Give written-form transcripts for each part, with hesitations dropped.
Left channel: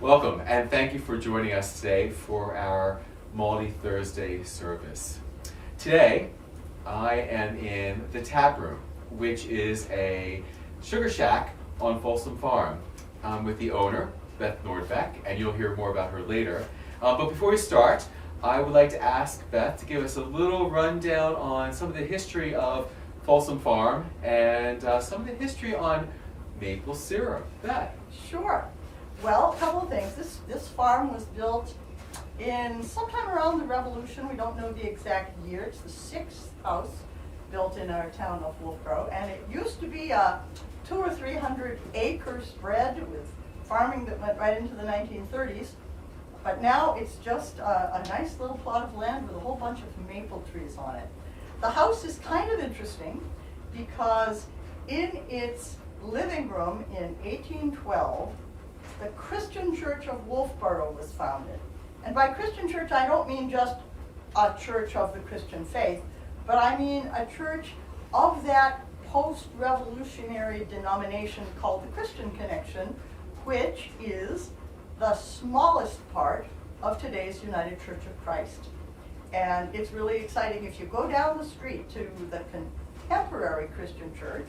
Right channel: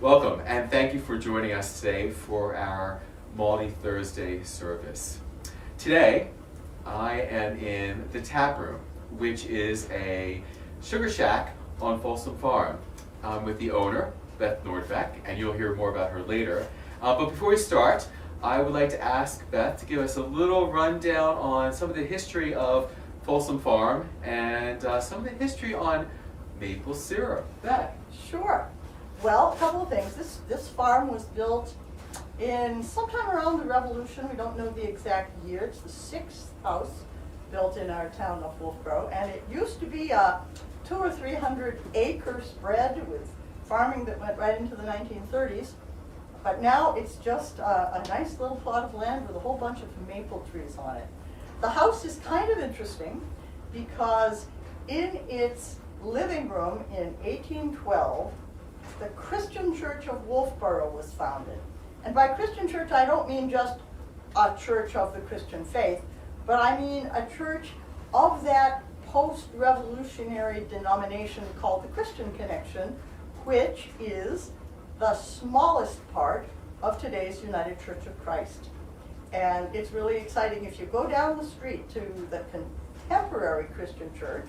Welcome, and thank you for joining us today for our Maundy Thursday service. Today, I am in the tap room, which is a sugar shack on Folsom Farm with the owner, Beth Nordbeck, and you'll hear more about her later. But before we start, I would like to ask Beth to give us a little rundown on some of the history of Folsom Farm and some of the history on maple syrup. Beth. Sure. Well, a couple of things. This farm was built in sometime around the Revolution. We don't know the exact year. It's the sixth house built in our town of Wolfboro, and it used to be a 200 or 300 acre spread with farming that went right into the 1930s. But now it's just a nice little plot of land with a whole bunch of maple trees on it. The house is kind of interesting because in its living room in 1812, the Christian Church of Wolfboro was founded. And by Christian church, I don't mean just a church of the Christian faith, but I mean a church of that post-revolutionary denomination called the Christian Connection, which is the smallest part of today's United Church of Christ. And it's really exciting. If you go down the street to the contemporary Christian church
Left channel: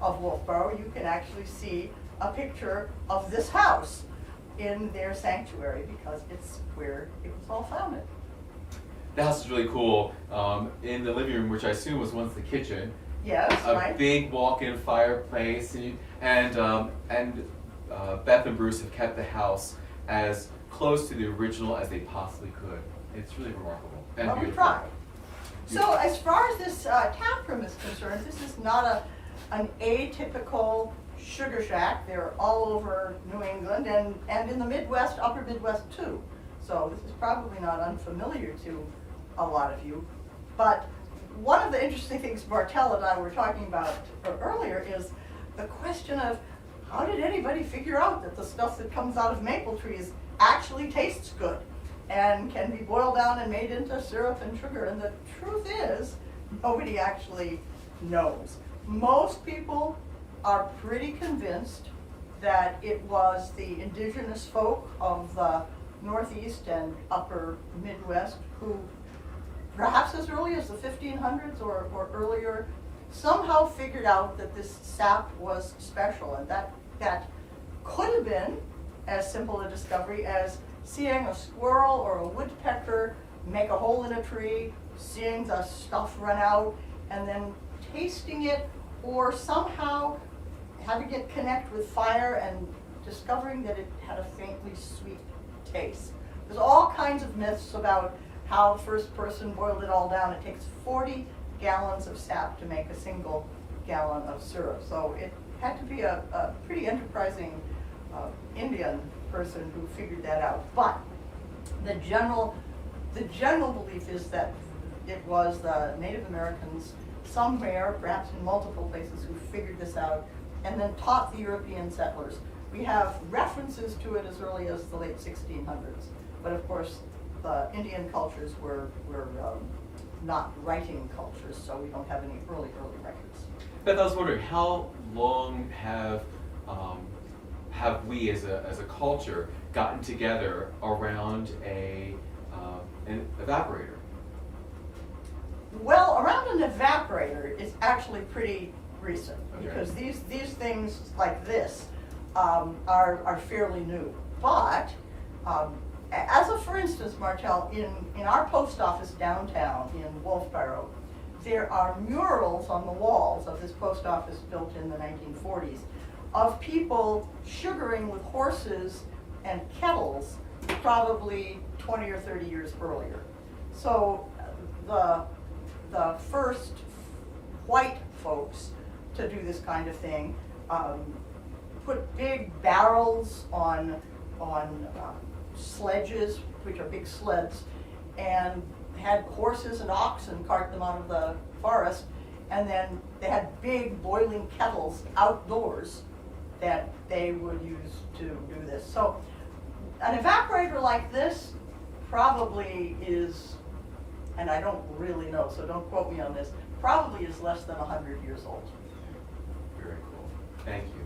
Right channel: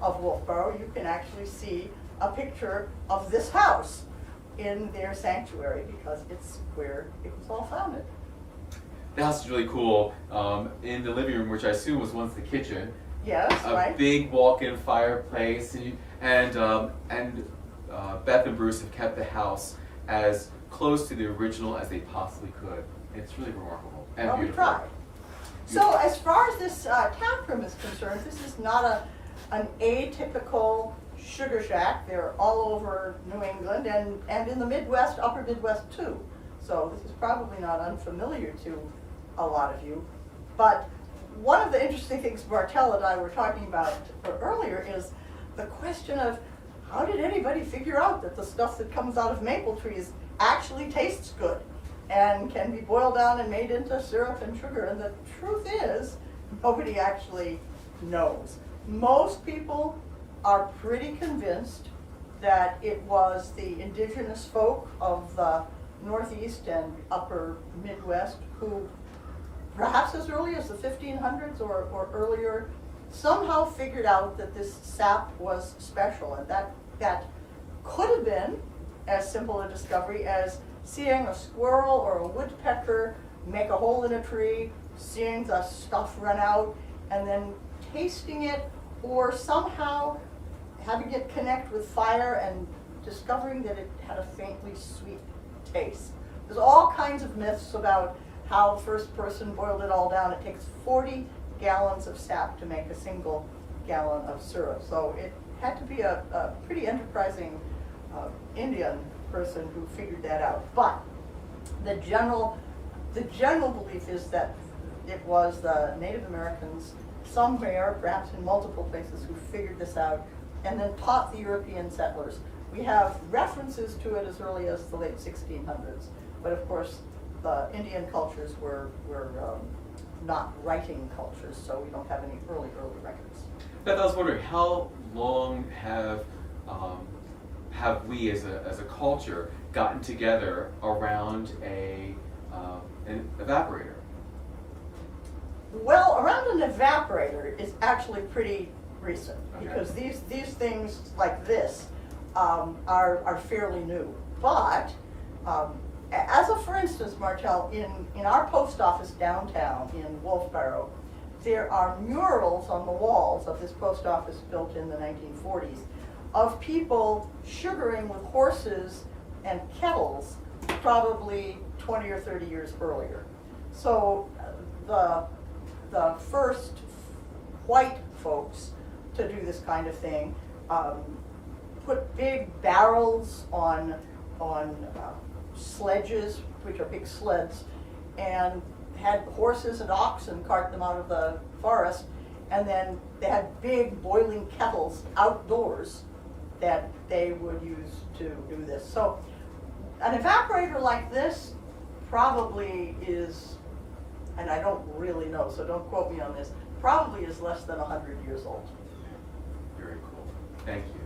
of Wolfboro, you can actually see a picture of this house in their sanctuary because it's where it was all founded. The house is really cool. In the living room, which I assume was once the kitchen, Yes, right. a big walk-in fireplace, and Beth and Bruce have kept the house as close to the original as they possibly could. It's really remarkable and Well, we beautiful. tried. So as far as this tap room is concerned, this is not an atypical sugar shack. They're all over New England and in the Midwest, upper Midwest too. So this is probably not unfamiliar to a lot of you. But one of the interesting things Martell and I were talking about earlier is the question of how did anybody figure out that the stuff that comes out of maple trees actually tastes good and can be boiled down and made into syrup and sugar? And the truth is, nobody actually knows. Most people are pretty convinced that it was the indigenous folk of the Northeast and upper Midwest who, perhaps as early as the 1500s or earlier, somehow figured out that this sap was special, and that could have been as simple a discovery as seeing a squirrel or a woodpecker make a hole in a tree, seeing the stuff run out, and then tasting it, or somehow having it connect with fire and discovering that it had a faintly sweet taste. There's all kinds of myths about how the first person boiled it all down. It takes 40 gallons of sap to make a single gallon of syrup. So it had to be a pretty enterprising Indian person who figured that out. But the general belief is that it was the Native Americans somewhere, perhaps in multiple places, who figured this out and then taught the European settlers. We have references to it as early as the late 1600s, but of course the Indian cultures were not writing cultures, so we don't have any early records. Beth, I was wondering, how long have we as a culture gotten together around an evaporator? Well, around an evaporator is actually pretty recent, okay, because these things like this are fairly new. But as a for instance, Martell, in our post office downtown in Wolfboro, there are murals on the walls of this post office built in the 1940s of people sugaring with horses and kettles probably 20 or 30 years earlier. So the first white folks to do this kind of thing put big barrels on sledges, which are big sleds, and had horses and oxen cart them out of the forest, and then they had big boiling kettles outdoors that they would use to do this. So an evaporator like this probably is, and I don't really know, so don't quote me on this, probably is less than 100 years old. Very cool. Thank you.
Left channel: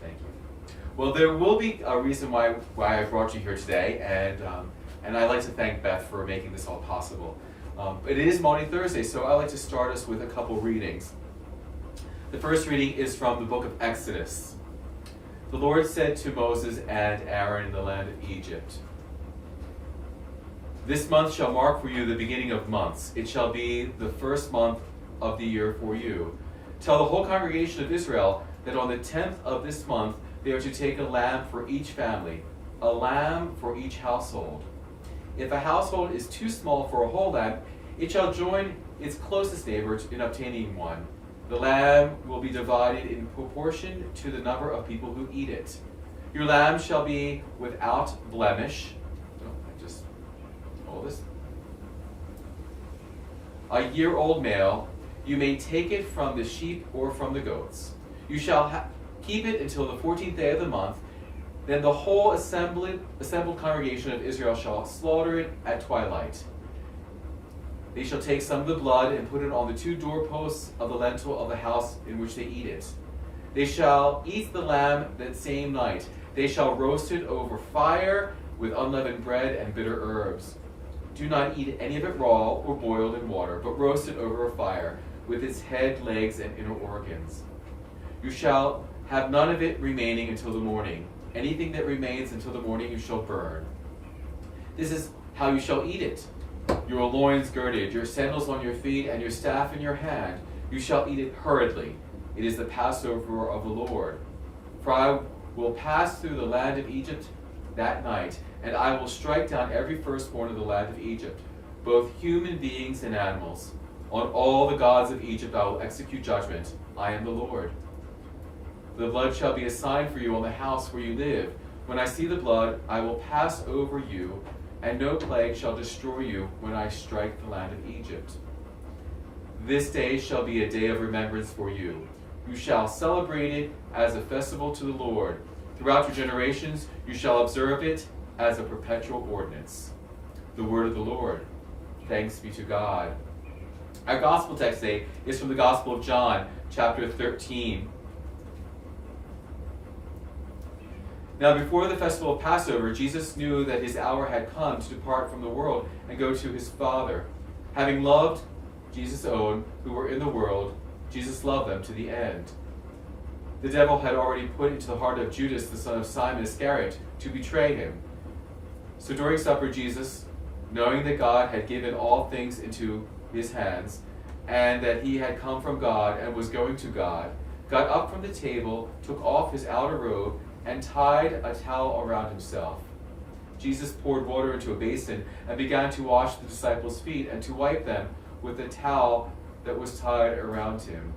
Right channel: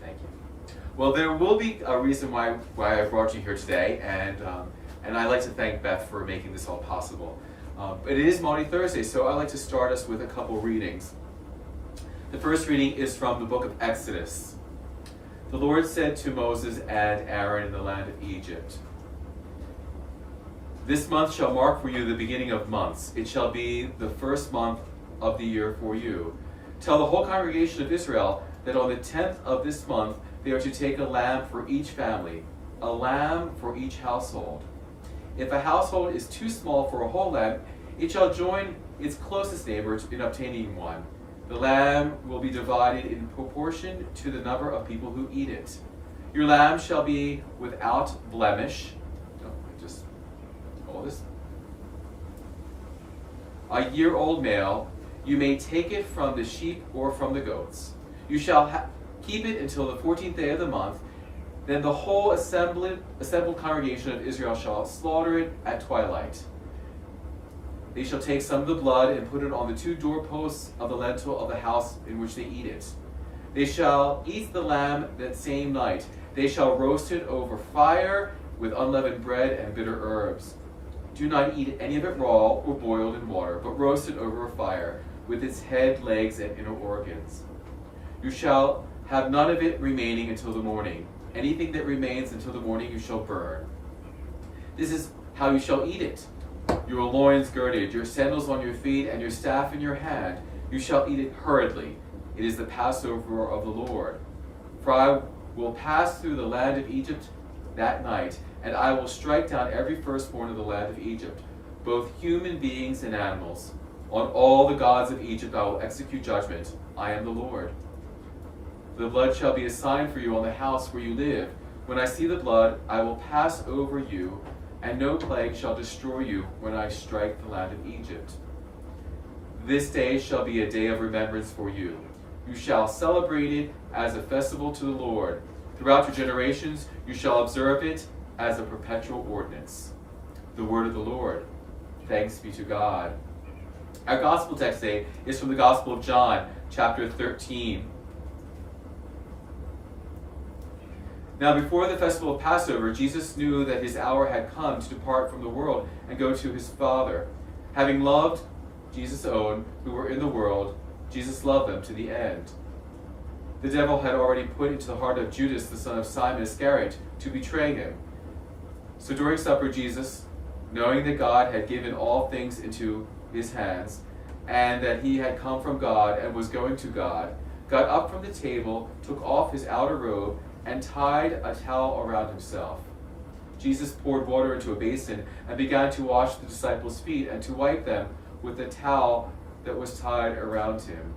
Thank you. Well, there will be a reason why I brought you here today, and I'd like to thank Beth for making this all possible. It is Maundy Thursday, so I'd like to start us with a couple readings. The first reading is from the book of Exodus. The Lord said to Moses and Aaron in the land of Egypt, "This month shall mark for you the beginning of months. It shall be the first month of the year for you. Tell the whole congregation of Israel that on the 10th of this month they are to take a lamb for each family, a lamb for each household. If a household is too small for a whole lamb, it shall join its closest neighbor in obtaining one. The lamb will be divided in proportion to the number of people who eat it. Your lamb shall be without blemish." "A year-old male. You may take it from the sheep or from the goats. You shall keep it until the 14th day of the month. Then the whole assembled congregation of Israel shall slaughter it at twilight. They shall take some of the blood and put it on the 2 doorposts of the lintel of the house in which they eat it. They shall eat the lamb that same night. They shall roast it over fire with unleavened bread and bitter herbs. Do not eat any of it raw or boiled in water, but roast it over a fire with its head, legs, and inner organs. You shall have none of it remaining until the morning. Anything that remains until the morning you shall burn. This is how you shall eat it. Your loins girded, your sandals on your feet, and your staff in your hand. You shall eat it hurriedly. It is the Passover of the Lord. For I will pass through the land of Egypt that night, and I will strike down every firstborn of the land of Egypt, both human beings and animals. On all the gods of Egypt I will execute judgment. I am the Lord. The blood shall be a sign for you on the house where you live. When I see the blood, I will pass over you, and no plague shall destroy you when I strike the land of Egypt. This day shall be a day of remembrance for you. You shall celebrate it as a festival to the Lord. Throughout your generations you shall observe it as a perpetual ordinance." The word of the Lord. Thanks be to God. Our gospel text today is from the Gospel of John, chapter 13. Now before the festival of Passover, Jesus knew that his hour had come to depart from the world and go to his Father. Having loved Jesus' own who were in the world, Jesus loved them to the end. The devil had already put into the heart of Judas, the son of Simon Iscariot, to betray him. So during supper, Jesus, knowing that God had given all things into his hands, and that he had come from God and was going to God, got up from the table, took off his outer robe, and tied a towel around himself. Jesus poured water into a basin and began to wash the disciples' feet and to wipe them with the towel that was tied around him.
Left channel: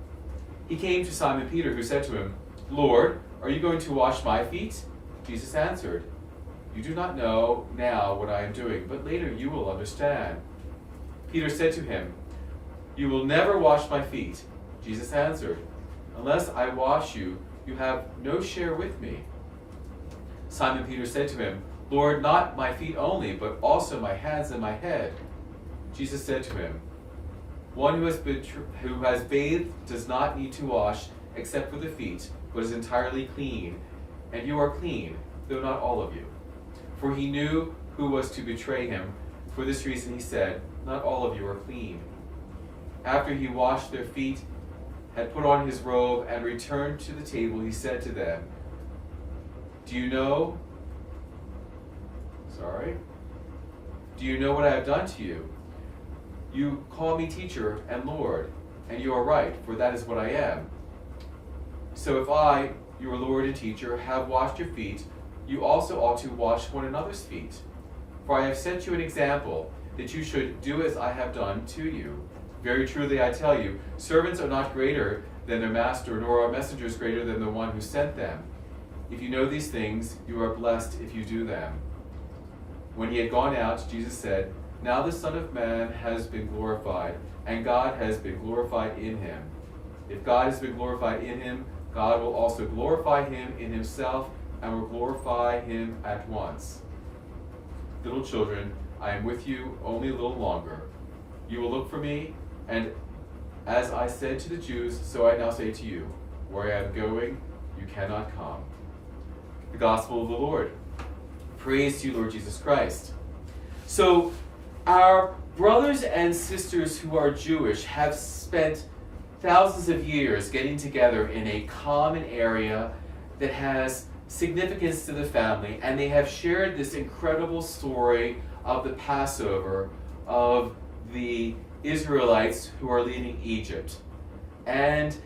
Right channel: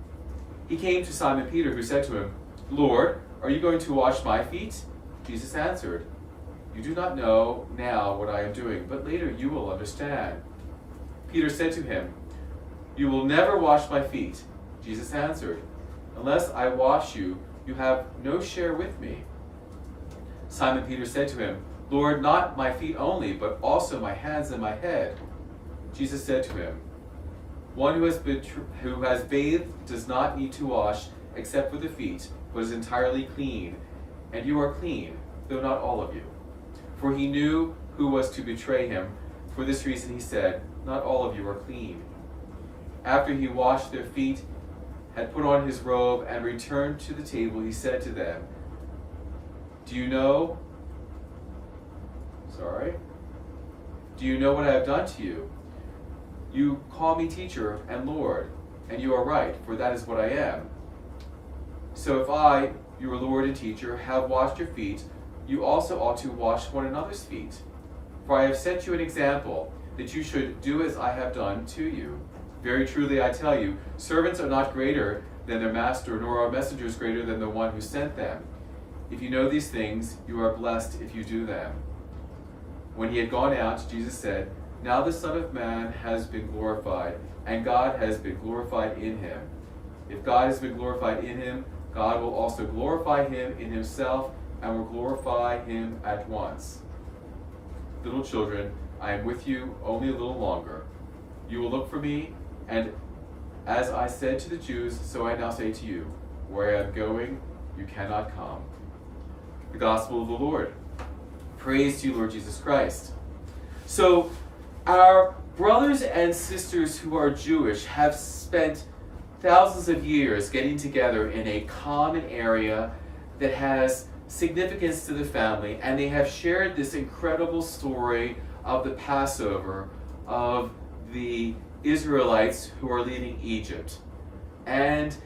He came to Simon Peter, who said to him, "Lord, are you going to wash my feet?" Jesus answered, "You do not know now what I am doing, but later you will understand." Peter said to him, "You will never wash my feet." Jesus answered, "Unless I wash you, you have no share with me." Simon Peter said to him, "Lord, not my feet only, but also my hands and my head." Jesus said to him, "One who has bathed does not need to wash except for the feet, but is entirely clean. And you are clean, though not all of you." For he knew who was to betray him. For this reason he said, "Not all of you are clean." After he washed their feet, had put on his robe, and returned to the table, he said to them, Do you know what I have done to you? You call me teacher and Lord, and you are right, for that is what I am. So if I, your Lord and teacher, have washed your feet, you also ought to wash one another's feet. For I have set you an example, that you should do as I have done to you. Very truly I tell you, servants are not greater than their master, nor are messengers greater than the one who sent them. If you know these things, you are blessed if you do them. When he had gone out, Jesus said, Now the Son of Man has been glorified, and God has been glorified in him. If God has been glorified in him, God will also glorify him in himself, and will glorify him at once. Little children, I am with you only a little longer. You will look for me, and as I said to the Jews, so I now say to you, where I am going, you cannot come. the gospel of the Lord. Praise to you, Lord Jesus Christ. So, our brothers and sisters who are Jewish have spent thousands of years getting together in a common area that has significance to the family, and they have shared this incredible story of the Passover of the Israelites who are leaving Egypt. And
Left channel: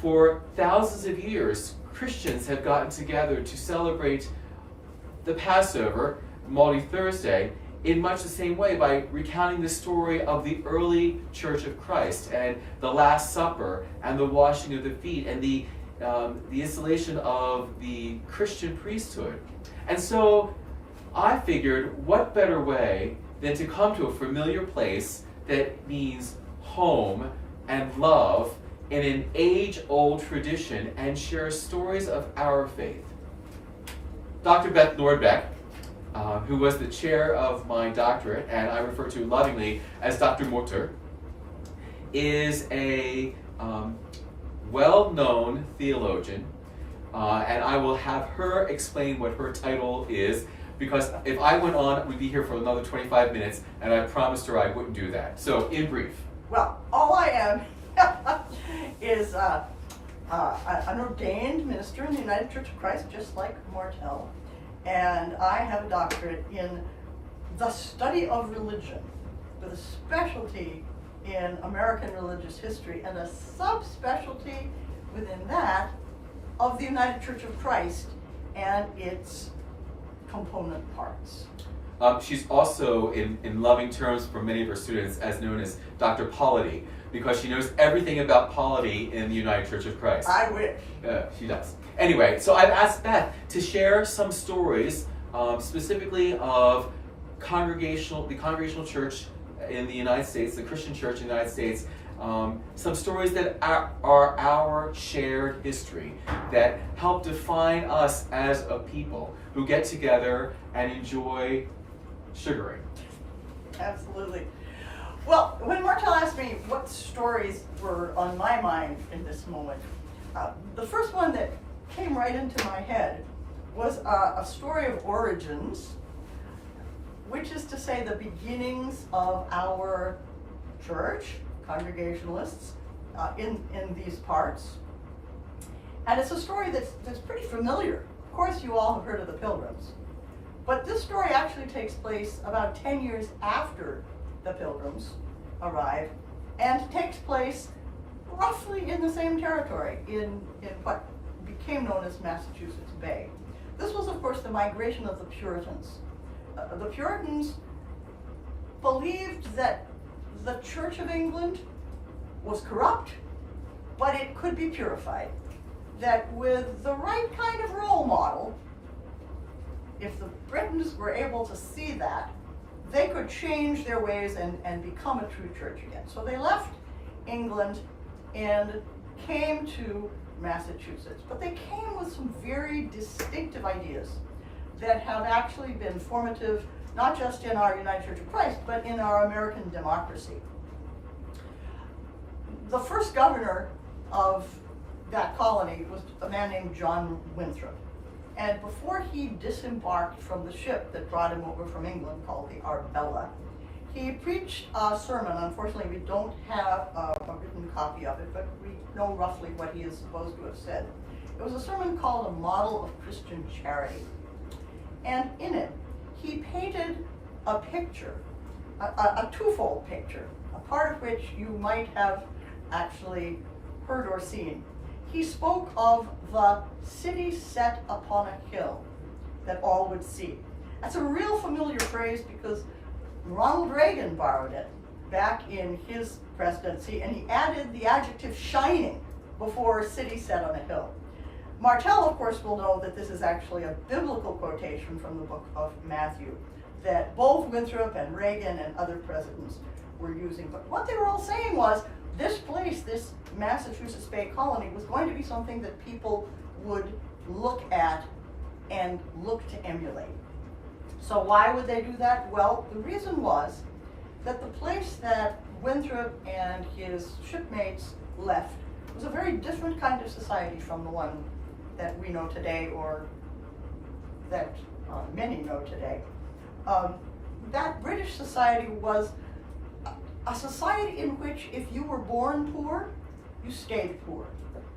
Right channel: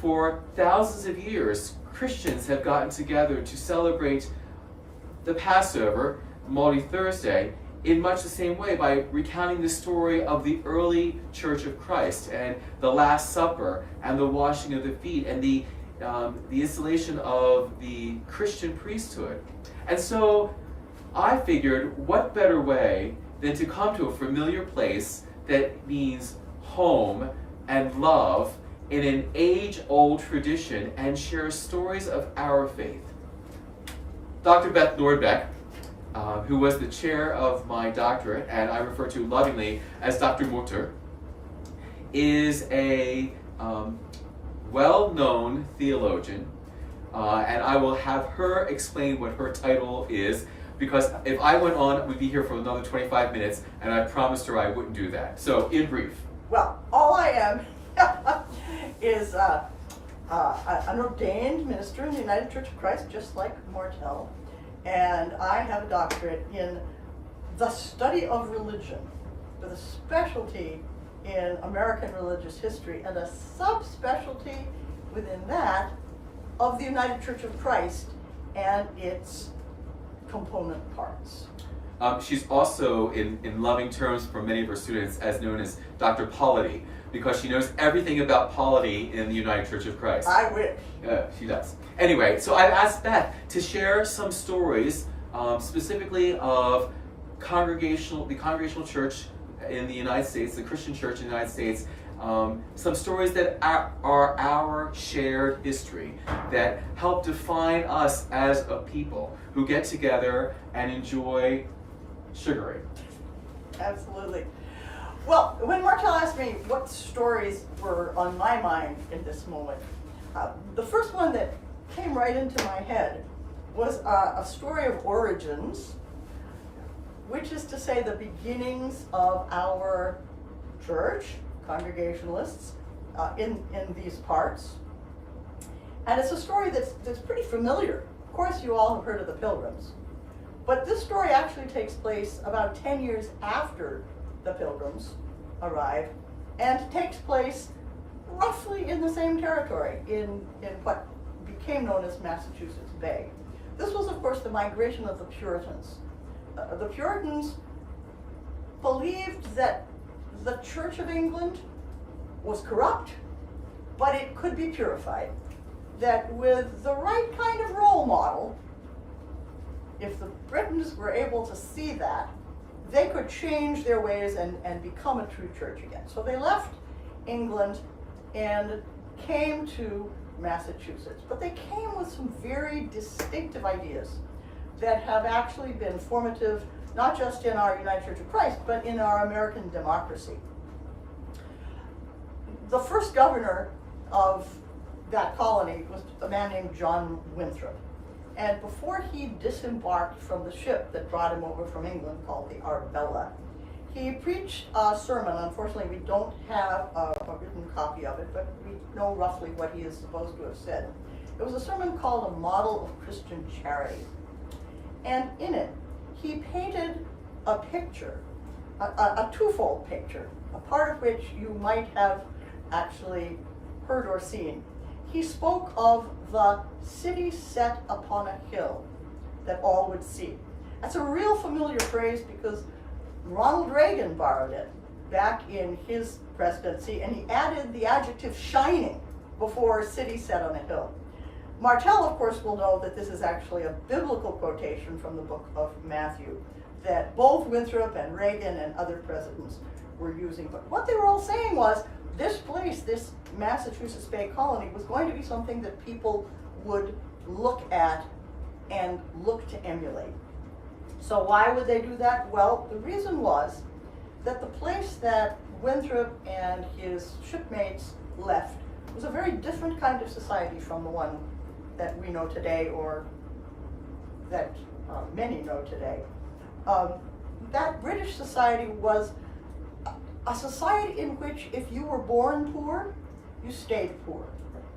for thousands of years, Christians have gotten together to celebrate the Passover, Maundy Thursday, in much the same way by recounting the story of the early Church of Christ and the Last Supper and the washing of the feet and the installation of the Christian priesthood. And so I figured, what better way than to come to a familiar place that means home and love in an age-old tradition and share stories of our faith. Dr. Beth Nordbeck, who was the chair of my doctorate, and I refer to lovingly as Dr. Mutter, is a well-known theologian, and I will have her explain what her title is, because if I went on, we'd be here for another 25 minutes, and I promised her I wouldn't do that. So, in brief. Well, all I am is an ordained minister in the United Church of Christ, just like Martel, and I have a doctorate in the study of religion, with a specialty in American religious history and a subspecialty within that of the United Church of Christ and its component parts. She's also, in loving terms for many of her students, as known as Dr. Polity, because she knows everything about polity in the United Church of Christ. I wish. She does. Anyway, so I've asked Beth to share some stories, specifically of the Congregational Church in the United States, the Christian Church in the United States, some stories that are our shared history, that help define us as a people who get together and enjoy sugaring. Absolutely. Well, when Martel asked me what stories were on my mind in this moment, the first one that came right into my head was a story of origins, which is to say the beginnings of our church, Congregationalists, in these parts. And it's a story that's pretty familiar. Of course, you all have heard of the Pilgrims. But this story actually takes place about 10 years after the Pilgrims arrive, and takes place roughly in the same territory, in what became known as Massachusetts Bay. This was, of course, the migration of the Puritans. The Puritans believed that the Church of England was corrupt, but it could be purified. That with the right kind of role model, if the Britons were able to see that, they could change their ways and become a true church again. So they left England and came to Massachusetts. But they came with some very distinctive ideas that have actually been formative, not just in our United Church of Christ, but in our American democracy. The first governor of that colony was a man named John Winthrop. And before he disembarked from the ship that brought him over from England, called the Arbella, he preached a sermon. Unfortunately, we don't have a written copy of it, but we know roughly what he is supposed to have said. It was a sermon called A Model of Christian Charity. And in it, he painted a picture, a twofold picture, a part of which you might have actually heard or seen. He spoke of the city set upon a hill that all would see. That's a real familiar phrase because Ronald Reagan borrowed it back in his presidency, and he added the adjective shining before city set on a hill. Martel, of course, will know that this is actually a biblical quotation from the book of Matthew that both Winthrop and Reagan and other presidents were using. But what they were all saying was, this place, this Massachusetts Bay Colony, was going to be something that people would look at and look to emulate. So why would they do that? Well, the reason was that the place that Winthrop and his shipmates left was a very different kind of society from the one that we know today, or that many know today. That British society was a society in which if you were born poor, you stayed poor.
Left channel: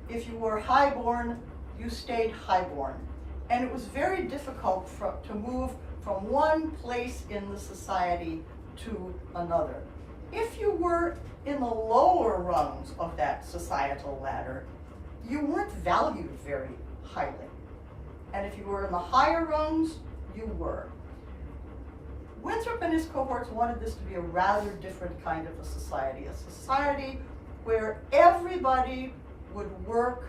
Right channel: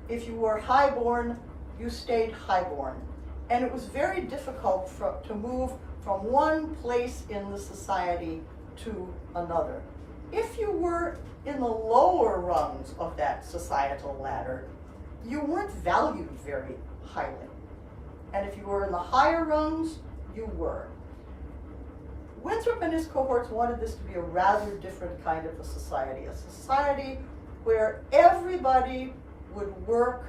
If you were highborn, you stayed highborn. And it was very difficult to move from one place in the society to another. If you were in the lower rungs of that societal ladder, you weren't valued very highly. And if you were in the higher rungs, you were. Winthrop and his cohorts wanted this to be a rather different kind of a society where everybody would work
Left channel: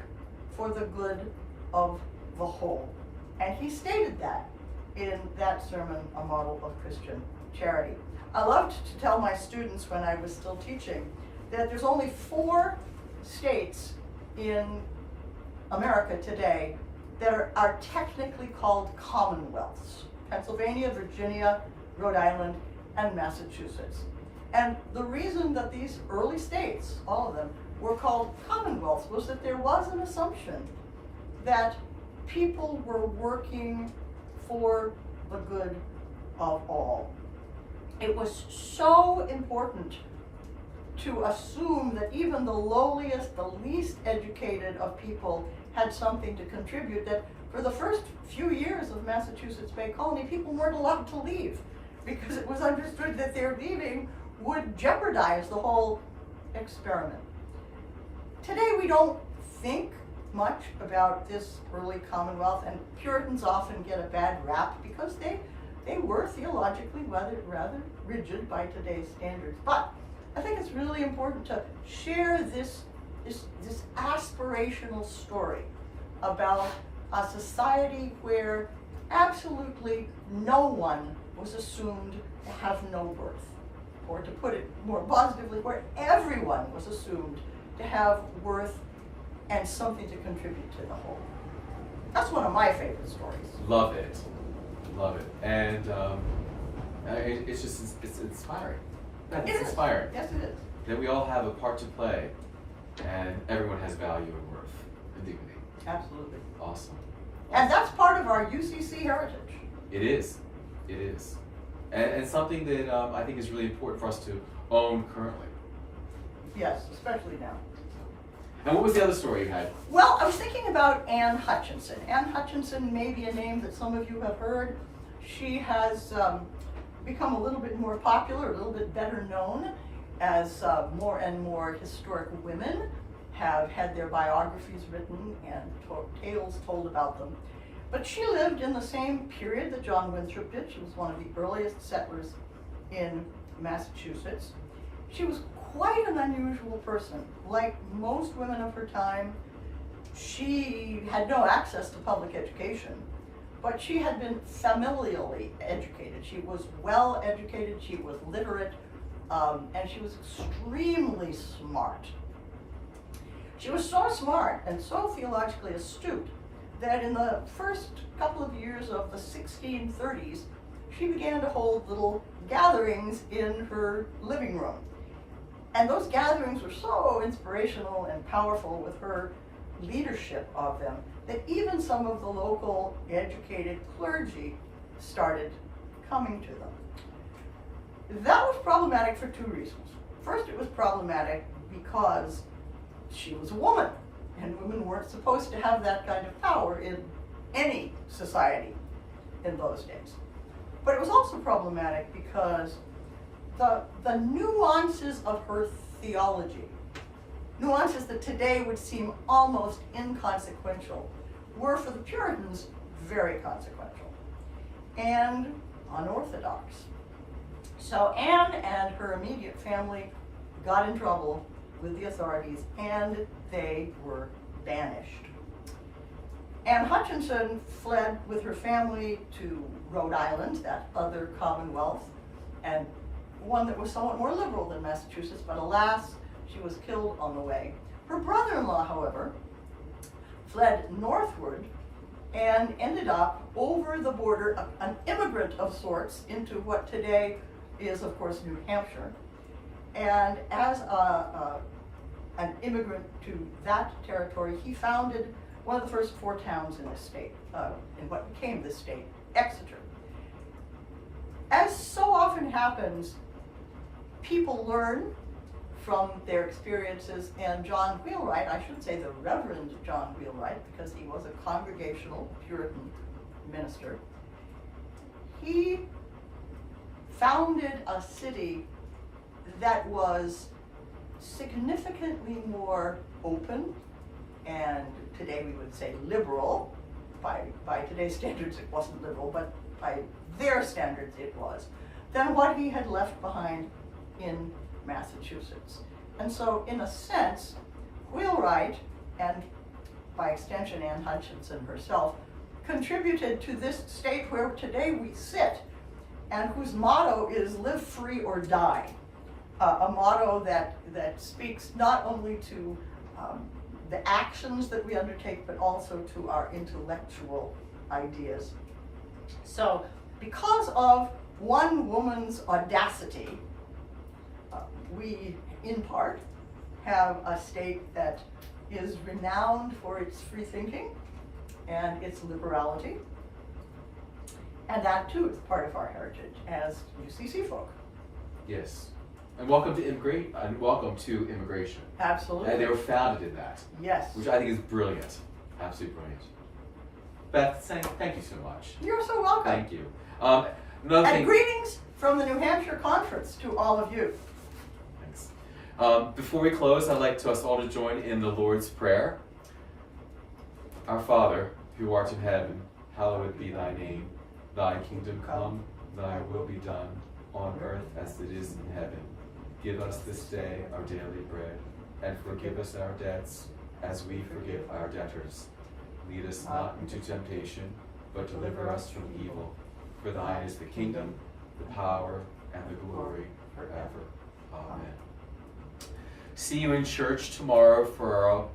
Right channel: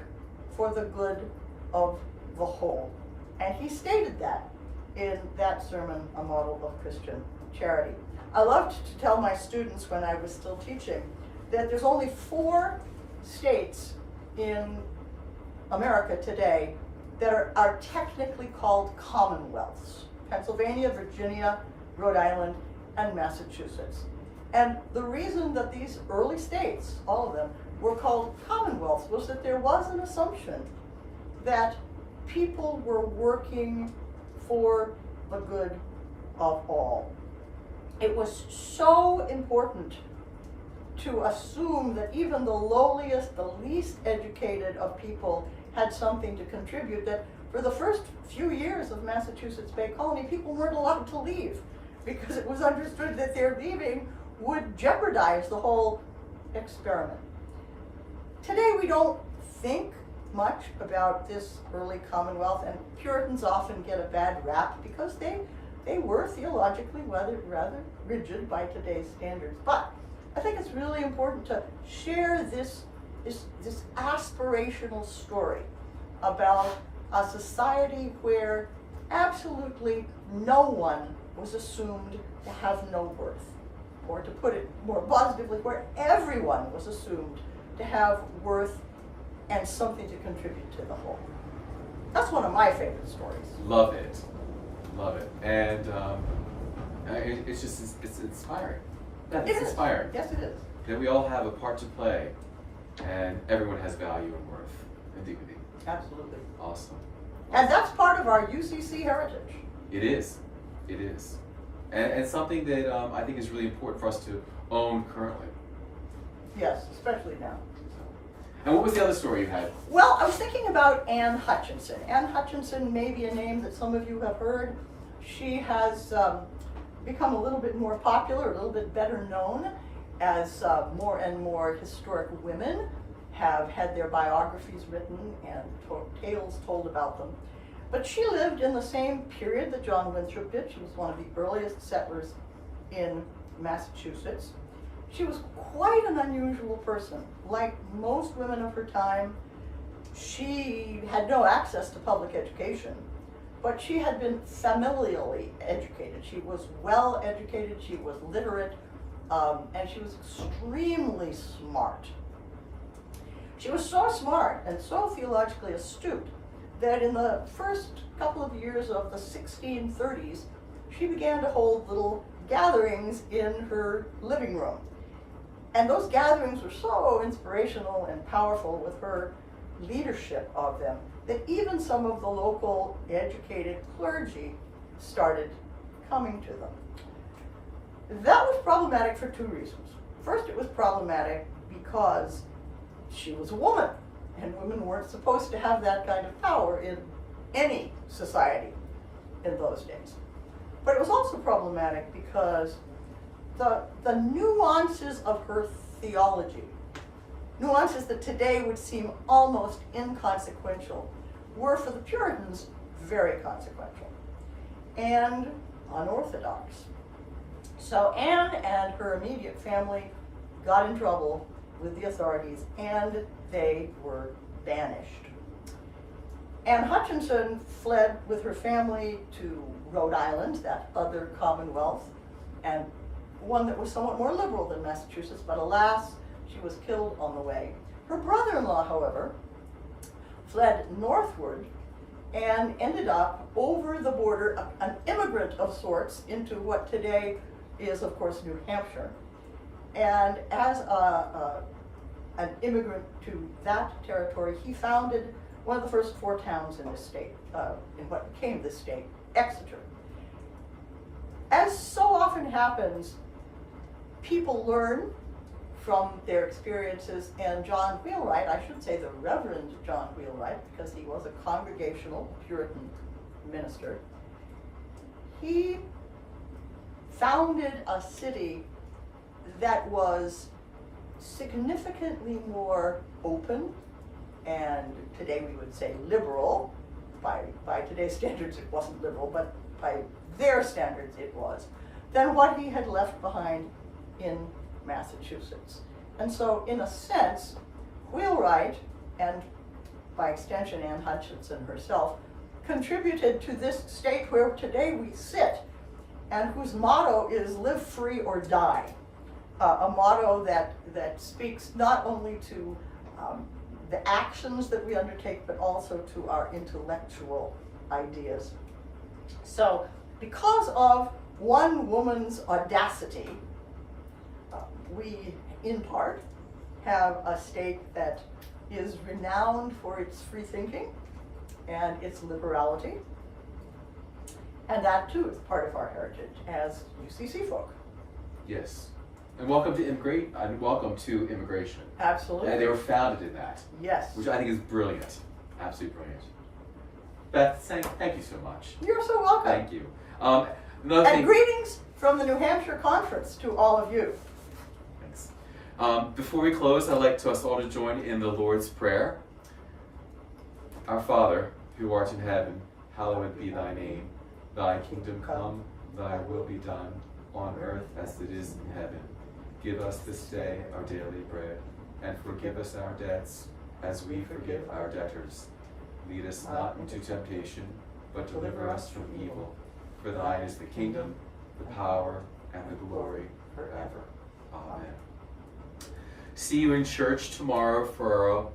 for the good of the whole. And he stated that in that sermon, A Model of Christian Charity. I loved to tell my students when I was still teaching that there's only 4 states in America today that are technically called commonwealths: Pennsylvania, Virginia, Rhode Island, and Massachusetts. And the reason that these early states, all of them, were called commonwealths was that there was an assumption that people were working for the good of all. It was so important to assume that even the lowliest, the least educated of people had something to contribute, that for the first few years of Massachusetts Bay Colony, people weren't allowed to leave because it was understood that their leaving would jeopardize the whole experiment. Today we don't think much about this early Commonwealth, and Puritans often get a bad rap because they were theologically rather rigid by today's standards. But I think it's really important to share this aspirational story about a society where absolutely no one was assumed to have no worth. Or to put it more positively, where everyone was assumed to have worth and something to contribute to the whole. That's one of my favorite stories. Love it. Love it. And it's inspiring. It's inspiring. Yes, it is. That we all have a part to play, and everyone has value and worth and dignity. Absolutely. Awesome. And that's part of our UCC heritage. It is. It is. And something that I think is really important for us to own currently. Yes, especially now. And what was the other story you had? Well, I was thinking about Anne Hutchinson. Anne Hutchinson may be a name that some of you have heard. She has become a little bit more popular, a little bit better known, as more and more historic women have had their biographies written and tales told about them. But she lived in the same period that John Winthrop did. She was one of the earliest settlers in Massachusetts. She was quite an unusual person. Like most women of her time, she had no access to public education, but she had been familially educated. She was well educated, she was literate, and she was extremely smart. She was so smart and so theologically astute that in the first couple of years of the 1630s, she began to hold little gatherings in her living room. And those gatherings were so inspirational and powerful with her leadership of them that even some of the local educated clergy started coming to them. That was problematic for 2 reasons. First, it was problematic because she was a woman, and women weren't supposed to have that kind of power in any society in those days. But it was also problematic because the nuances of her theology, nuances that today would seem almost inconsequential, were for the Puritans very consequential and unorthodox. So Anne and her immediate family got in trouble with the authorities, and they were banished. Anne Hutchinson fled with her family to Rhode Island, that other commonwealth, and one that was somewhat more liberal than Massachusetts, but alas, she was killed on the way. Her brother-in-law, however, fled northward and ended up over the border, an immigrant of sorts, into what today is, of course, New Hampshire. And as an immigrant to that territory, he founded one of the first 4 towns in this state, in what became this state, Exeter. As so often happens, people learn from their experiences, and John Wheelwright, I should say the Reverend John Wheelwright, because he was a Congregational Puritan minister, he founded a city that was significantly more open, and today we would say liberal. By today's standards it wasn't liberal, but by their standards it was, than what he had left behind in Massachusetts. And so in a sense, Wheelwright, and by extension Anne Hutchinson herself, contributed to this state where today we sit, and whose motto is live free or die. A motto that speaks not only to the actions that we undertake, but also to our intellectual ideas. So because of one woman's audacity, we, in part, have a state that is renowned for its free thinking and its liberality. And that too is part of our heritage as UCC folk. Yes. And welcome to immigration. Absolutely. And they were founded in that. Yes. Which I think is brilliant. Absolutely brilliant. Beth, thank you so much. You're so welcome. Thank you. And greetings from the New Hampshire Conference to all of you. Thanks. Before we close, I'd like us all to join in the Lord's Prayer. Our Father, who art in heaven, hallowed be thy name. Thy kingdom come, thy will be done, on earth as it is in heaven. Give us this day our daily bread, and forgive us our debts, as we forgive our debtors. Lead us not into temptation, but deliver us from evil. For thine is the kingdom, the power, and the glory forever. Amen. See you in church tomorrow for our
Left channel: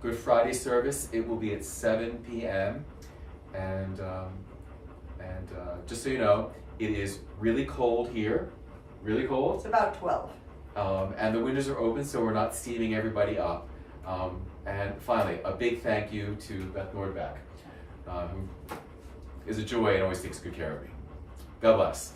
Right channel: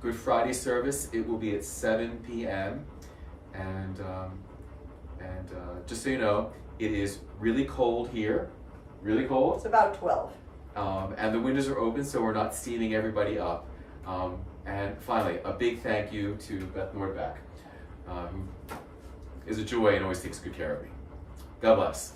Good Friday service. It will be at 7 p.m. And just so you know, it is really cold here, really cold. It's about 12. And the windows are open, so we're not steaming everybody up. And finally, a big thank you to Beth Nordbeck, who is a joy and always takes good care of me. God bless.